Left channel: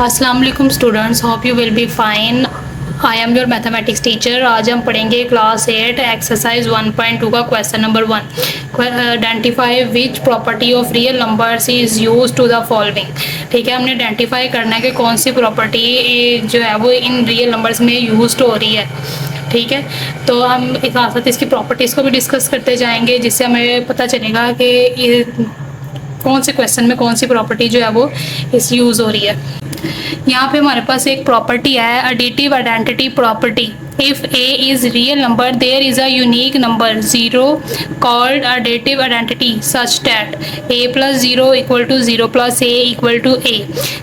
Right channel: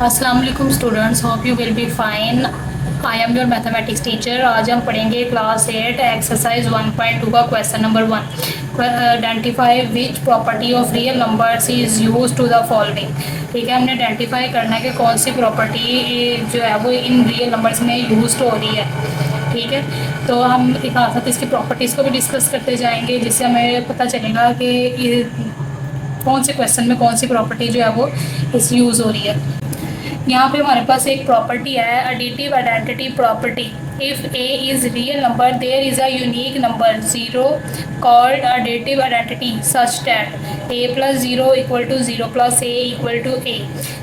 अस्सलाम वालेकुम students, hope you will be fine. I am your mathematics teacher. आज हम पढ़ेंगे क्लास 8 एक्सरसाइज 1.2 का question number 1। Identify which property of real numbers is use to the following. ठीक है, हमने आइडेंटिफाई करना है कि कौन सी प्रॉपर्टी जो है वो इन रियल नंबर्स में यूज हो रही है। ठीक है, तो हम एक साथ इसकी प्रॉपर्टीज़ को भी डिस्कस करते जाएंगे, जिससे हमें पता चलेगा कि ये कौन से क्वेश्चन में कौन सी प्रॉपर्टी जो है वो इस यूज़ हो रही है। यहाँ पे हमारे पास एक प्रॉपर्टी है, additive identity property. If a is real number, there is a unique number 0 called additive identity such that a plus 0 equal to 0 plus a equal to a।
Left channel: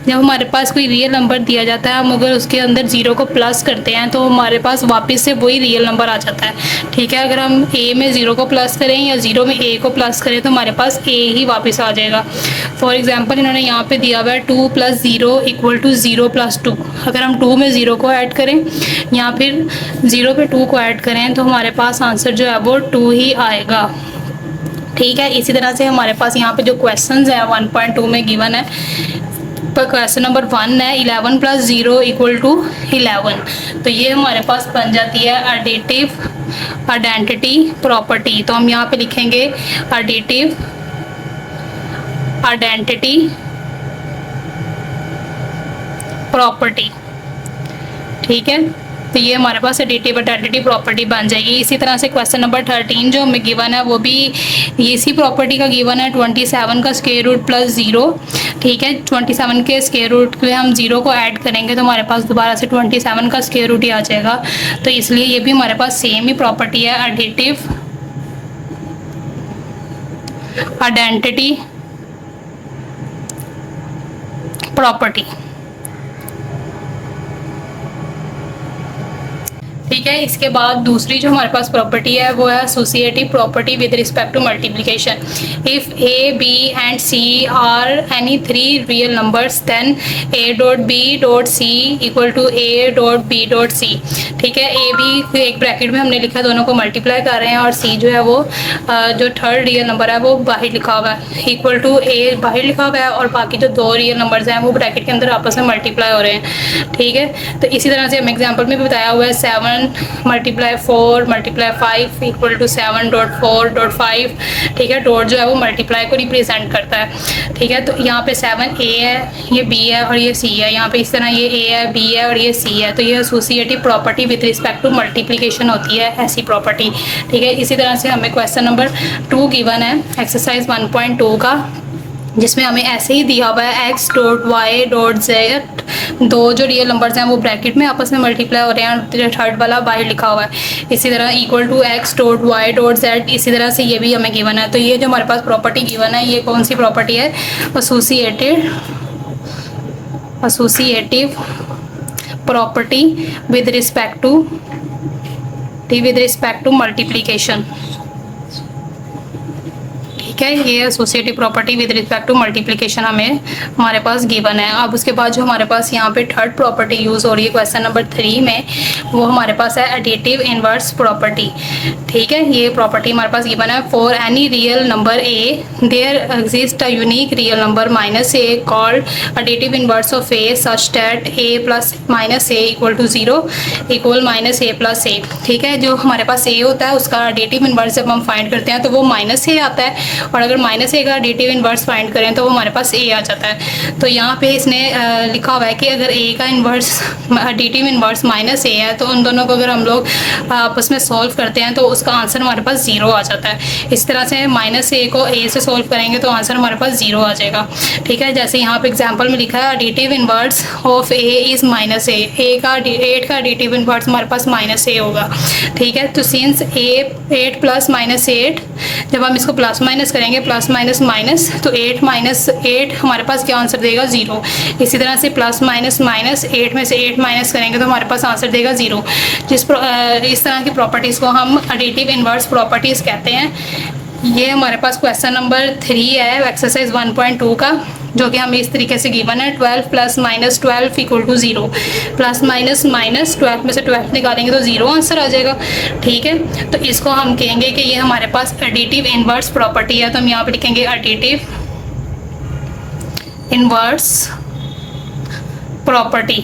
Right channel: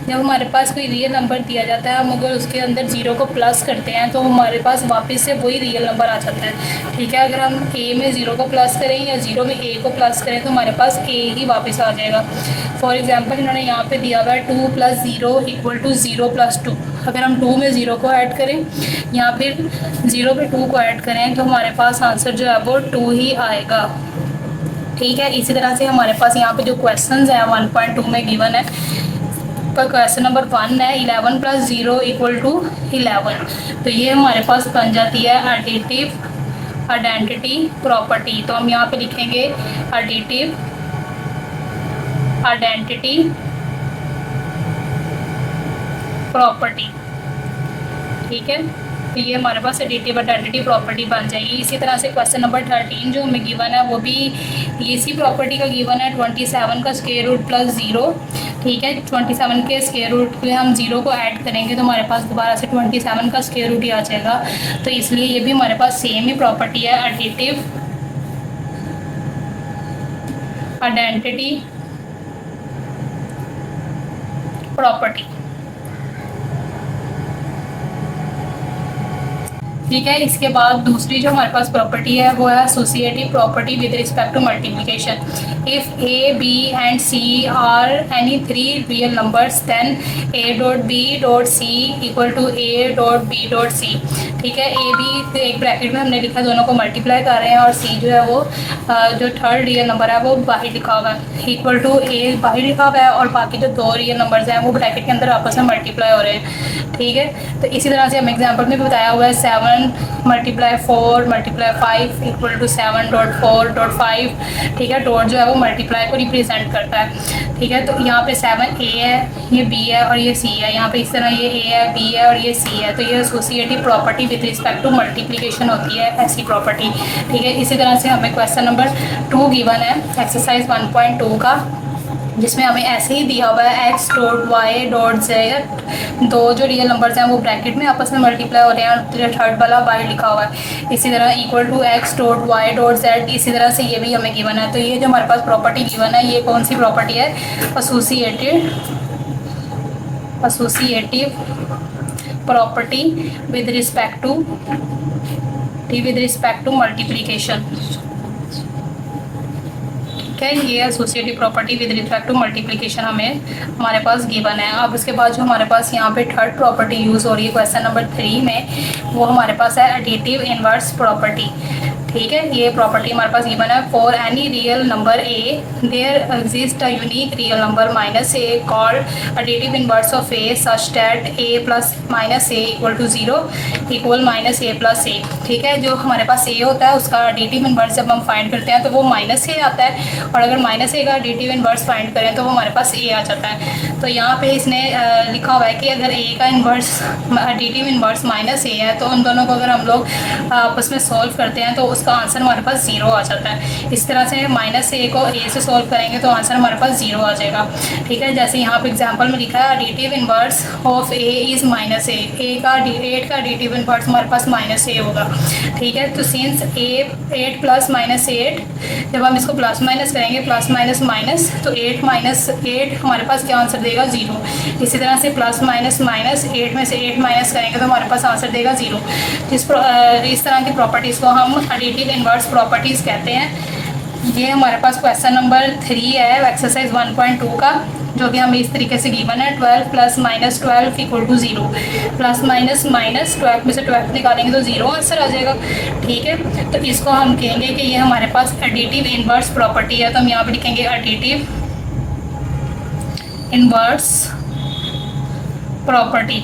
जब हमारे पास कोई रियल नंबर दिया जाता है, हम अगर उसके अंदर 0 को प्लस करते हैं तो हमारे पास वापस से वही रियल नंबर आ जाता है। ठीक है, अगर हम a में 0 को प्लस करें या 0 में a को प्लस करें तो हमारे पास a ही वापस आ जाएगा। फॉर एग्जाम्पल इन्होंने यहाँ पे दिया हुआ है 2 + 0 = 0 + 2। अगर हम 2 में 0 को ऐड करें या फिर 0 पे 2 को ऐड करें तो हमारे पास आंसर जो है वो 2 ही आएगा। ठीक है, इसी तरह से हमारे पास यहाँ पे जो क्वेश्चंस है 1.2 में गिवन है, पर क्वेश्चन नंबर 1 है 11 + 0 = 11। तो ये हमारे पास बन जाती है एडिटिव आइडेंटिटी प्रॉपर्टी। तो हम यहाँ पे लिखेंगे एडिटिव आइडेंटिटी प्रॉपर्टी। ठीक है, तो ये हमारे पास एडिटिव आइडेंटिटी प्रॉपर्टी बन जाएगी। इसी तरह से क्वेश्चन नंबर 13 जो हमें गिवन है वो भी इसी प्रॉपर्टी का गिवन है, 27 का स्क्वायर रूट प्लस 0। ठीक है, 27 के स्क्वायर रूट पे हम 0 को ऐड करेंगे तो हमारे पास दोबारा से 27 का स्क्वायर रूट ही आ जाएगा। तो इसलिए ये भी हमारे पास सेम ही प्रॉपर्टी है, एडिटिव आइडेंटिटी प्रॉपर्टी। ठीक है, इसके बाद दूसरी जो हमारे पास प्रॉपर्टी है वो है associative property with respect to multiplication. If A B and C are any 3 real numbers then a.b.c = a.b.c। ठीक है, ए बी एक ब्रैकेट में हमने लिखा, दोनों को मल्टीप्लाई कर रहे हैं, और सी जो है वो जो थर्ड रियल नंबर है वो बाहर लिखा हुआ है, इक्वल टू ए बाहर लिखा हुआ है, और बाकी जो 2 रियल नंबर्स हैं वो ब्रैकेट के अंदर आपस में मल्टीप्लाई हो रहे हैं। ठीक है, तो इसी तरह से हम एग्जाम्पल में भी बताया हुआ है 7 × 4 × 5 = 7.4.5। ठीक है, डॉट जो है वो मल्टीप्लाई को रिप्रेजेंट करता है। ठीक है, तो यहाँ पे 7 ए है, ये बी है और ये सी है। यहाँ पे इस तरह ये ए है, बी है और ये सी है। तो ये associative property with respect to multiplication होती है, ऐसी प्रॉपर्टी। ठीक है, इसी तरह से हमें क्वेश्चन नंबर 2 गिवन है एक्सरसाइज 1.2 का, जिसमें हमें ऐसे ही दिया हुआ है x.y.z। 2 जो रियल नंबर्स हैं वो ब्रैकेट में आपस में मल्टीप्लाई हो रहे हैं और थर्ड वाला बाहर लिखा हुआ है। इसी तरह =x.y.z। इसी तरह से ये भी हमें गिवन है। तो ये जो हमारे पास प्रॉपर्टी गिवन है ये कौन सी प्रॉपर्टी है? Associative property with respect to multiplication. ठीक है, ये associative property with respect to multiplication हमारे पास गिवन है। अब उसके बाद जो हमारे पास यहाँ पे थर्ड प्रॉपर्टी यूज़ हो रही है क्वेश्चन नंबर 3 में, वो हमारे पास है एडिटिव इनवर्स प्रॉपर्टी। ठीक है, ये प्रॉपर्टी हमारे पास गिवन है, for any real number A there exist a unique real number -a called additive inverse of a such that a + -a = 0 = -a + a। ठीक है, जो हमारे पास a होता है उसका एडिटिव इनवर्स जब हम फाइंड करते हैं तो वो -a आता है, और अगर -a का एडिटिव इनवर्स फाइंड करें तो वो हमारे पास a आ जाता है। तो यहाँ पे इसने लिखा हुआ है कि अगर a का इनवर्स एडिटिव इनवर्स -a है तो उन दोनों को अगर हम लोग आपस में सॉल्व करते हैं तो उसका आंसर हमारे पास 0 आ जाता है। इस तरह से -a को a से सॉल्व करेंगे तो आंसर हमारे पास 0 आ जाएगा। ठीक है, जैसे यहाँ पे एग्जाम्पल में लिखा है additive inverse of a is -a। 8 का एडिटिव इनवर्स हमारे पास -a होगा। ठीक है, तो सिंस 8 + -8, जब हम इसको प्लस माइनस करेंगे प्लस माइनस माइनस, तो 8 - 8 हमारे पास क्या आंसर देगा? 0। इसी तरह से प्लस माइनस माइनस, 8 में से 8 माइनस करेंगे तो हमारे पास आंसर देगा 0। इस तरह की प्रॉपर्टीज़ को हम एडिटिव इनवर्स प्रॉपर्टीज़ कहते हैं। ये हमारे पास क्वेश्चन नंबर 3 है एक्सरसाइज 1.2 का, जो कि हमें इस तरीके से गिवन है 12 + -12 = 0। प्लस माइनस माइनस 12 में से 12 निकालेंगे तो 0 आंसर आ जाएगा। ठीक है, तो इसको हम कहेंगे कि ये हमारे पास एडिटिव इनवर्स प्रॉपर्टी है। तो हम यहाँ पे लिखेंगे additive inverse property.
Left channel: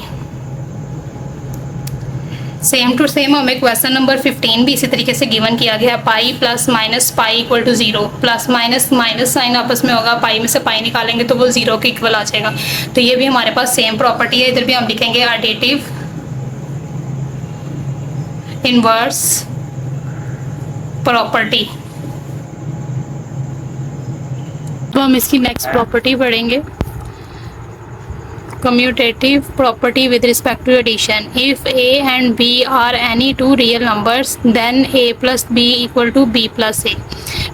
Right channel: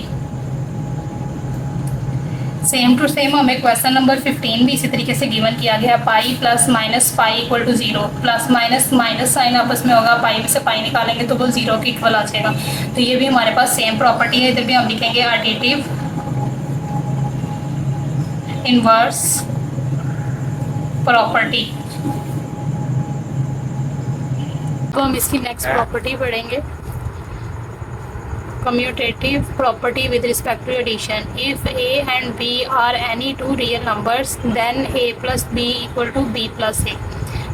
Same to same हमें क्वेश्चन नंबर 15 भी इसी तरीके से गिवन किया गया है। Pi plus minus pi equal to 0, plus minus minus sign आपस में होगा, पाई में से पाई निकालेंगे तो वो 0 के इक्वल आ जाएगा। तो ये भी हमारे पास सेम प्रॉपर्टी है। इधर भी हम लिखेंगे एडिटिव इनवर्स प्रॉपर्टी। तो हम इसकी नेक्स्ट प्रॉपर्टी पढ़ेंगे, commutative property with respect to addition. If a and b are any two real numbers, then a plus b equal to b plus a।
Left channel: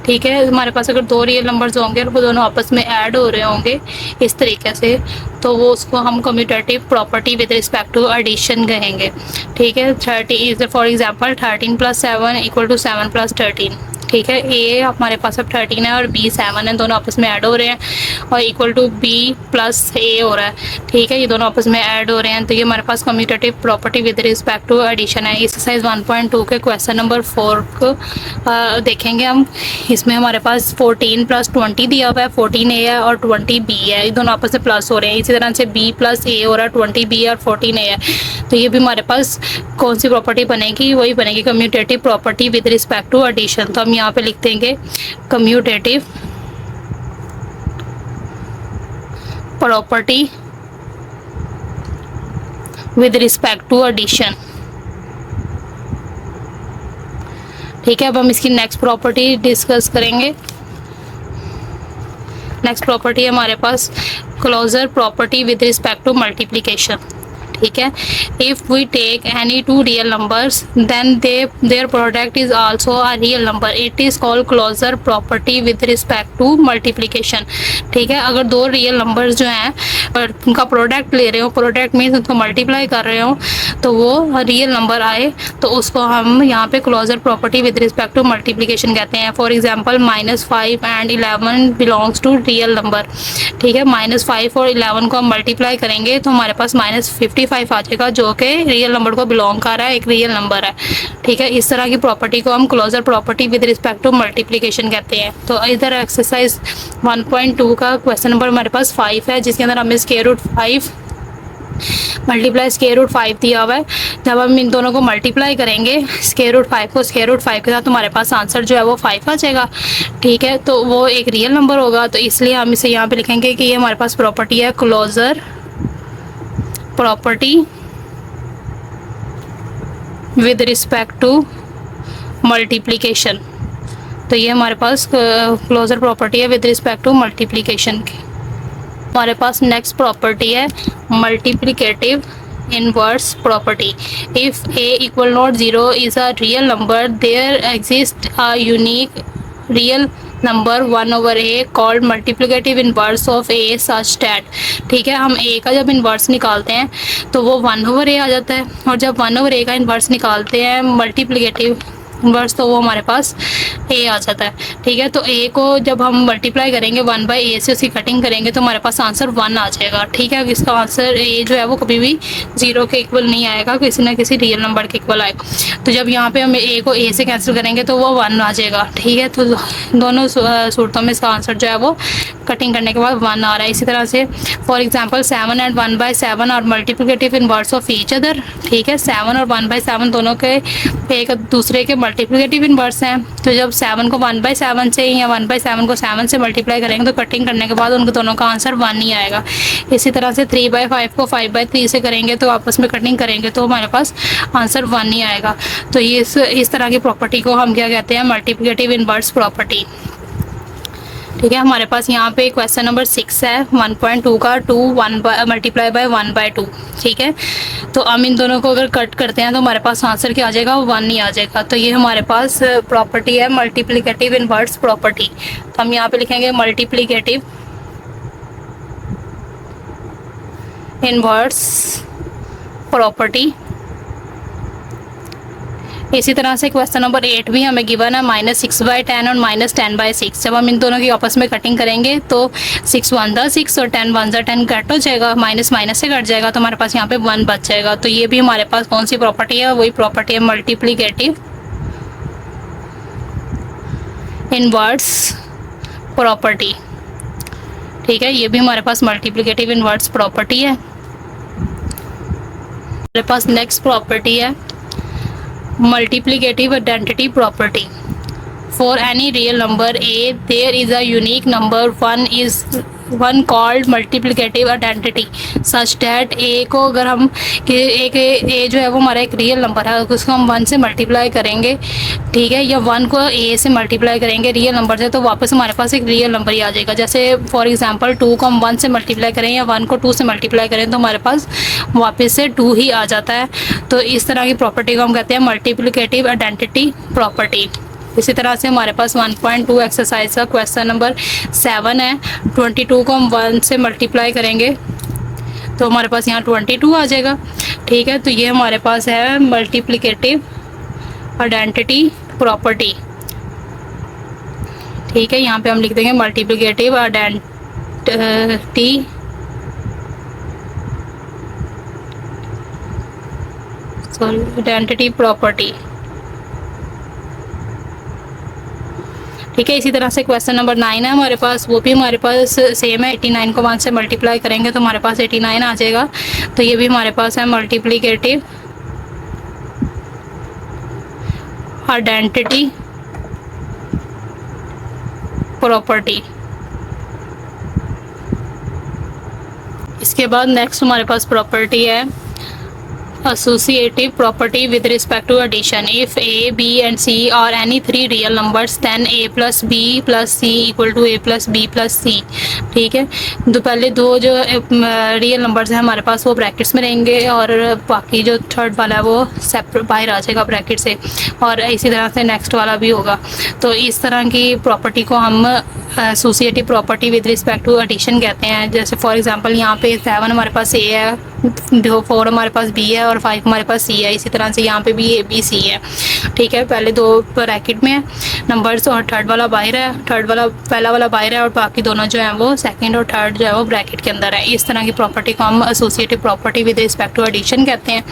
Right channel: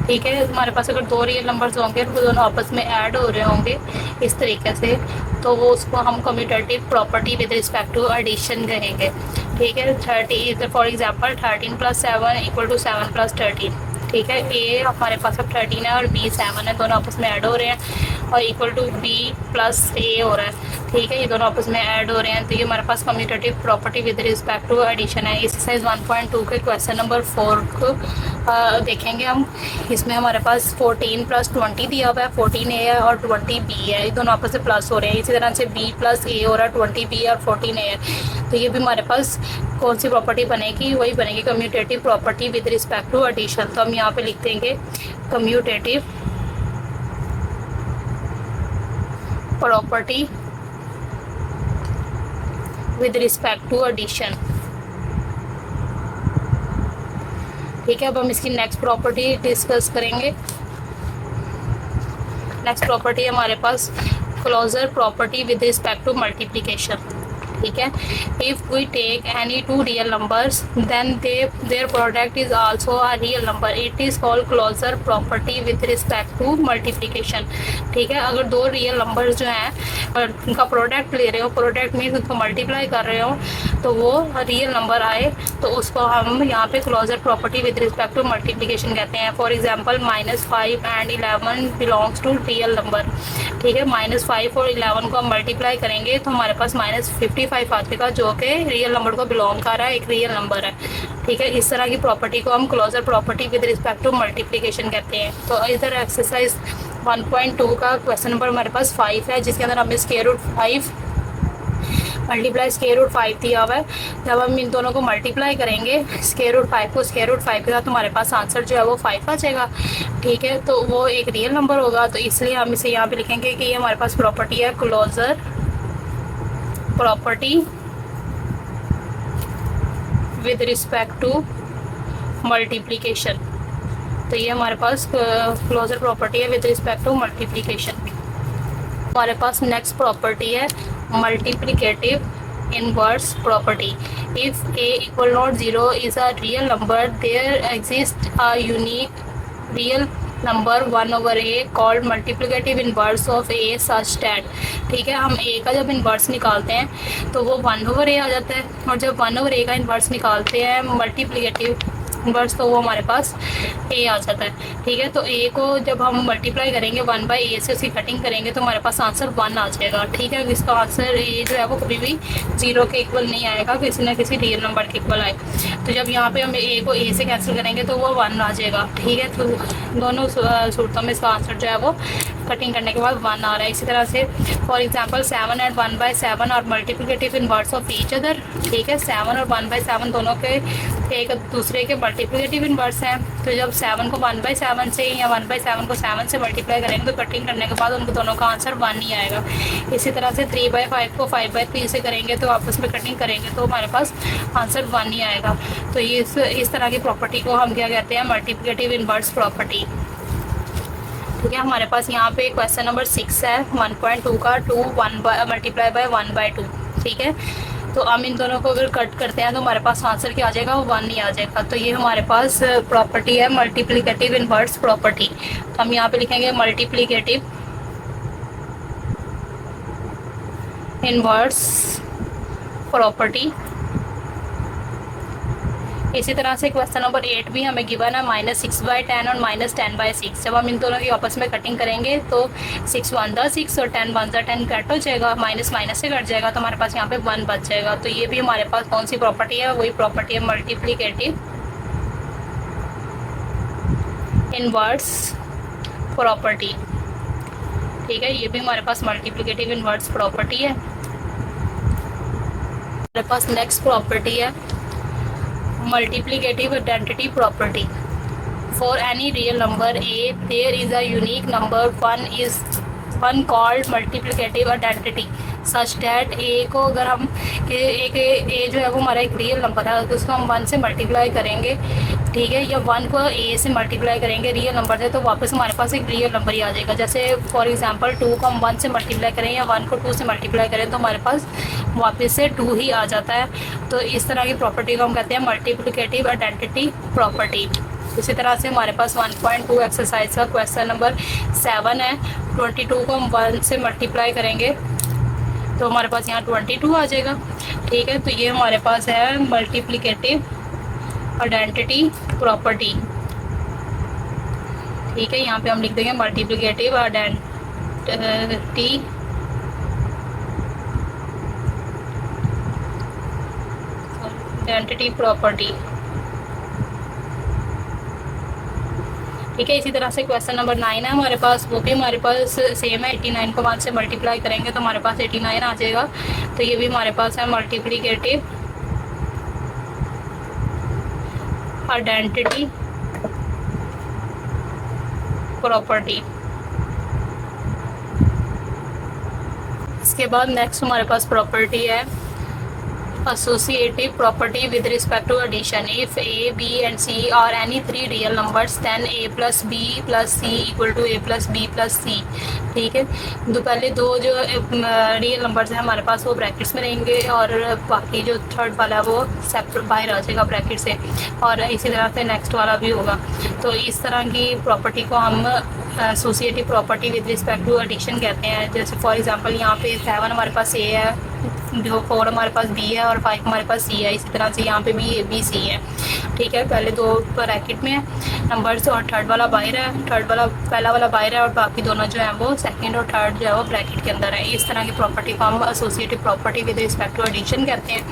ठीक है, हमारे पास अगर दो रियल नंबर्स होंगे और वो दोनों आपस में ऐड हो रहे होंगे इस तरीके से, तो वो उसको हम commutative property with respect to addition कहेंगे। ठीक है, 30 for example 13 plus 7 equal to 7 plus 13। ठीक है, ए हमारे पास अब 13 है और बी 7 है, दोनों आपस में ऐड हो रहे हैं और इक्वल टू बी प्लस ए हो रहा है। ठीक है, ये दोनों आपस में ऐड हो रहे हैं, तो ये हमारे पास commutative property with respect to addition है। एक्सरसाइज 1.2 के क्वेश्चन नंबर 4 को देखेंगे हम। इसमें हमारे पास 14 प्लस 20 दिया हुआ है, 14 ए है और 20 बी है, ये दोनों आपस में प्लस हो रहे हैं। इसी तरह से बी प्लस ए हो रहा है, 20 बी और 14 ए है। तो ये भी हमारे पास कौन सी प्रॉपर्टी बनेगी, वही बनेगी commutative property with respect to addition. तो हम यहाँ पे लिख देंगे commutative property with respect to addition. ठीक है, अब हम इसकी नेक्स्ट प्रॉपर्टी डिस्कस करेंगे। नेक्स्ट प्रॉपर्टी है हमारे पास closure property with respect to multiplication. ठीक है, if we take any two real numbers then their product is also a real number, it is called closure property with respect to multiplication. ठीक है, अगर दो real numbers जो हैं और उनका प्रोडक्ट ले रहे हो, प्रोडक्ट मीन्स उनको मल्टीप्लाई कर रहे हो, तो वो रियल नंबर आए तो उसको हम यहाँ पे closure property with respect to multiplication कहते हैं। For example -5 and 11 belongs to real number. ठीक है, -5 और 11 को हम मल्टीप्लाई करेंगे तो हमारे पास -55 आ जाएगा, जो कि रियल नंबर को बिलोंग कर रहा है, एक रियल नंबर है। ठीक है, इस तरह की प्रॉपर्टी को हम closure property with respect to multiplication कहते हैं। तो इधर एक्सरसाइज 1.2 का क्वेश्चन नंबर हमारे पास 5 है, जिसके अंदर हमें square root 5 multiply square root 5 दिया हुआ है। जब हम इन दोनों को मल्टीप्लाई करेंगे स्क्वायर रूट 5 को स्क्वायर रूट 5 के साथ, हमारे पास आंसर जो है वो 5 आ जाएगा। ठीक है, तो वो एक रियल नंबर होगा, तो इसलिए हम इसे यहाँ पे लिखेंगे कि ये हमारे पास प्रॉपर्टी है closure property with respect to multiplication. तो ये हमारे पास क्लोजर प्रॉपर्टी है विद रिस्पेक्ट टू मल्टीप्लिकेशन की। हमारे पास नेक्स्ट प्रॉपर्टी है multiplicative inverse property. If a equal not 0 is a real number, there exist a unique real number 1/a called multiplicative inverse of a such that. ठीक है, हम a का जब inverse निकालते हैं तो वो 1/a आ जाता है, और जब 1/a का इन्वर्स निकालते हैं मल्टीप्लिकेटिव इनवर्स तो वो हमारे पास a आ जाता है। ठीक है, तो a को जब हम मल्टीप्लाई करेंगे 1/a से, उसकी कटिंग करेंगे तो हमारे पास आंसर 1 आ जाएगा। ठीक है, इसका आंसर a जो है वो कभी भी 0 के इक्वल नहीं आएगा, किसी ना किसी रियल नंबर के इक्वल आएगा। तो जब यहाँ पे हम a को a से कैंसिल करेंगे तो वो 1 आ जाएगा। ठीक है, तो दोनों सूरतों में इसका आंसर जो है वो कटिंग करने के बाद 1 आ रहा है। इसी तरह से फॉर एग्जाम्पल 7 एंड 1/7 और multiplicative inverse of each other. ठीक है, 7 और 1/7 दोनों के एक दूसरे के मल्टीप्लिकेटिव इनवर्स हैं, तो जब 7 को 1/7 से या 1/7 को 7 से मल्टीप्लाई करेंगे तो कटिंग करने के बाद उनको दोनों का आंसर 1 ही आएगा। इसी तरह से 3/5 को 5/3 से करेंगे तो आपस में कटिंग करेंगे तो हमारे पास आंसर 1 ही आएगा। तो ये इस तरह की प्रॉपर्टी को हम क्या कहते हैं, मल्टीप्लिकेटिव इनवर्स प्रॉपर्टी। ठीक है, हमारे पास यहाँ पे क्वेश्चन नंबर 6 है 1.2 का, 2 मल्टीप्लाई बाय 1/2। ठीक है, तो हम इन दोनों को अगर कट करते हैं तो हमारे पास आंसर क्या आ जाएगा, 1 ही आ जाएगा। तो ये हमारे पास प्रॉपर्टी है मल्टीप्लिकेटिव इनवर्स प्रॉपर्टी। तो हम यहाँ पे लिखेंगे मल्टीप्लिकेटिव इनवर्स प्रॉपर्टी। इसी तरह से क्वेश्चन नंबर 8 भी हमें गिवन है -6/10 और -10/6। जब हम इन दोनों की आपस में कटिंग करेंगे तो 6 1 ज़ा 6 और 10 1 ज़ा 10 कट हो जाएगा, माइनस माइनस से कट जाएगा, तो हमारे पास यहाँ पे 1 बच जाएगा। तो ये भी हमारे पास कौन सी प्रॉपर्टी है, वही प्रॉपर्टी है मल्टीप्लिकेटिव इनवर्स प्रॉपर्टी। ठीक है, ये भी हमारे पास मल्टीप्लिकेटिव इनवर्स प्रॉपर्टी है। हमारे पास नेक्स्ट प्रॉपर्टी है multiplicative identity property. For any real number a, there is a unique number one called multiplicative identity such that a को अगर हम एक a जो है वो हमारा एक रियल नंबर है, उसको हम 1 से मल्टीप्लाई करेंगे, ठीक है, या 1 को a से मल्टीप्लाई करेंगे रियल नंबर से, तो वापस हमारे पास एक रियल नंबर ही आ जाएगा। जैसे फॉर एग्जांपल 2 को हम 1 से मल्टीप्लाई करें या 1 को 2 से मल्टीप्लाई करें तो हमारे पास वापस से 2 ही आ जाता है। तो इस तरह की प्रॉपर्टी को हम कहते हैं मल्टीप्लिकेटिव आइडेंटिटी प्रॉपर्टी। इसी तरह से हमारे पास 1.2 एक्सरसाइज का क्वेश्चन नंबर 7 है। 22 को हम 1 से मल्टीप्लाई करेंगे तो हमारे पास यहाँ 22 आ जाएगा, ठीक है। तो ये हमारे पास है मल्टीप्लिकेटिव आइडेंटिटी प्रॉपर्टी, ठीक है। यहाँ पे हम लिख देंगे मल्टीप्लिकेटिव आइडेंटिटी प्रॉपर्टी, ठीक है। इसी तरह से क्वेश्चन नंबर 9 है हमारे पास, वो भी हमारे पास सेम है। 89 को 1 से मल्टीप्लाई करेंगे तो हमारे पास 89 आ जाएगा। तो ये भी हमारे पास है मल्टीप्लिकेटिव आइडेंटिटी प्रॉपर्टी। इसके बाद नेक्स्ट हमारे पास प्रॉपर्टी है associative property with respect to addition. If a, b and c are any three real numbers then a plus b plus c equal to a plus b plus c, ठीक है। तो पहले दो जो real numbers हैं हमारे पास वो ब्रैकेट्स में रहेंगे और बाकी जो थर्ड वाला है वो सेपरेट बाहर आ जाएगा ब्रैकेट से, और इसी तरह से नेक्स्ट वाला भी होगा। तो इस तरह की प्रॉपर्टी को हम associative property with respect to addition कहते हैं। जैसे फॉर एग्जांपल यहाँ पे 7 हमारे पास a है, 4 हमारे पास b है और 5 हमारे पास c है। इसी तरह से यहाँ पे भी a b c है, ठीक है। पहले दो ब्रैकेट में नंबर्स और थर्ड वाला बाहर है, पहला वाला बाहर है और बाकी दोनों जो है वो सेकंड और थर्ड जो है वो ब्रैकेट के अंदर है। इस तरह की प्रॉपर्टी को हम associative property with respect to addition कहते हैं,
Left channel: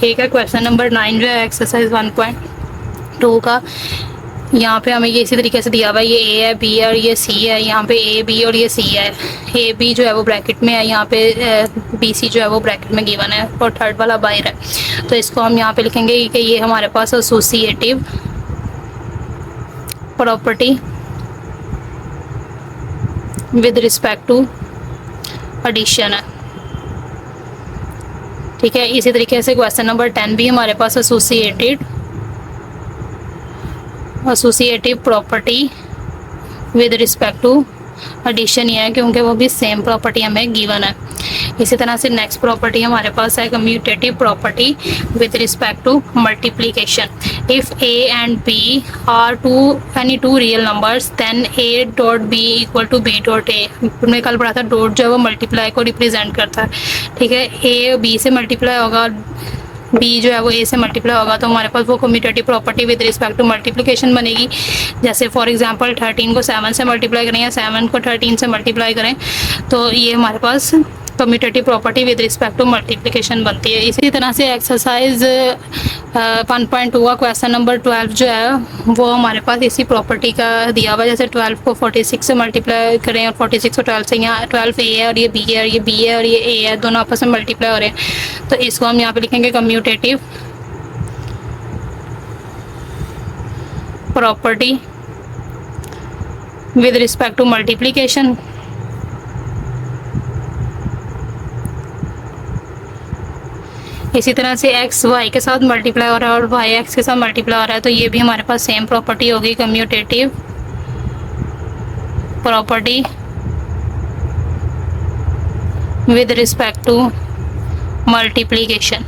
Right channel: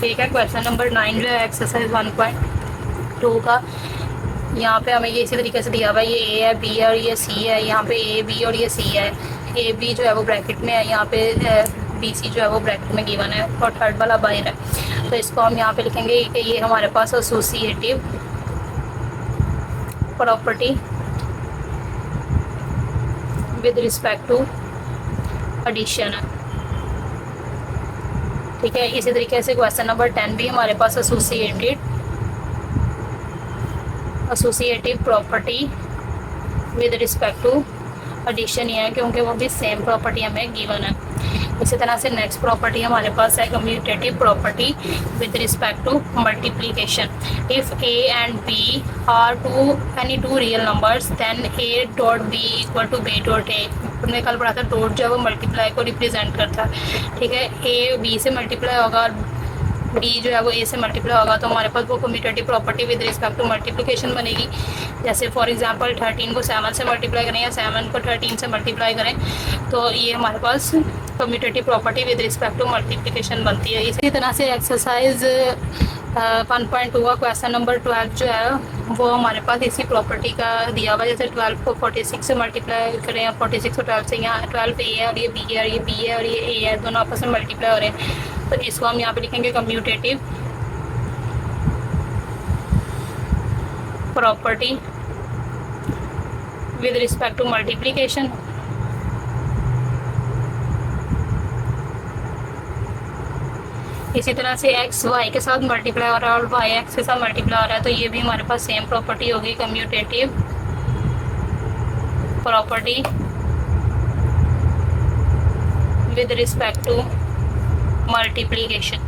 ठीक है। क्वेश्चन नंबर 9 जो है एक्सरसाइज 1.2 का, यहाँ पे हमें ये इसी तरीके से दिया हुआ है, ये ए है, बी है और ये सी है। यहाँ पे ए बी और ये सी है, ए बी जो है वो ब्रैकेट में है, यहाँ पे बी सी जो है वो ब्रैकेट में गिवन है और थर्ड वाला बाहर है। तो इसको हम यहाँ पे लिखेंगे कि ये हमारे पास associative property with respect to addition है, ठीक है। इसी तरीके से क्वेश्चन नंबर 10 भी हमारे पास associative property with respect to addition ही है, क्योंकि वो भी सेम प्रॉपर्टी हमें गिवन है। इसी तरह से नेक्स्ट प्रॉपर्टी हमारे पास है commutative property with respect to multiplication. If a and b are any two real numbers then a dot b equal to b dot a। हमने कल पढ़ा था डॉट जो है वो मल्टीप्लाई को रिप्रेजेंट करता है, ठीक है। a b से मल्टीप्लाई होगा, b जो है वो a से मल्टीप्लाई होगा, तो हमारे पास वो commutative property with respect to multiplication बनेगी। जैसे फॉर एग्जांपल 13 को 7 से मल्टीप्लाई करें या 7 को 13 से मल्टीप्लाई करें तो ये हमारे पास commutative property with respect to multiplication बनती है। इसी तरह से एक्सरसाइज 1.2 का क्वेश्चन नंबर 12 जो है वो हमारे पास इसी प्रॉपर्टी का दिया हुआ है। जैसे 12 को 46 से मल्टीप्लाई करें और 46 को 12 से, यहाँ 12 ए है और ये बी है और ये बी है और ये ए है, दोनों आपस में मल्टीप्लाई हो रहे हैं। तो इसको हम यहाँ पे लिखेंगे commutative property with respect to multiplication. इसी तरह से x y के साथ मल्टीप्लाई हो रहा है और y x के साथ मल्टीप्लाई हो रहा है, तो ये भी हमारे पास सेम प्रॉपर्टी होगी, commutative property with respect to multiplication.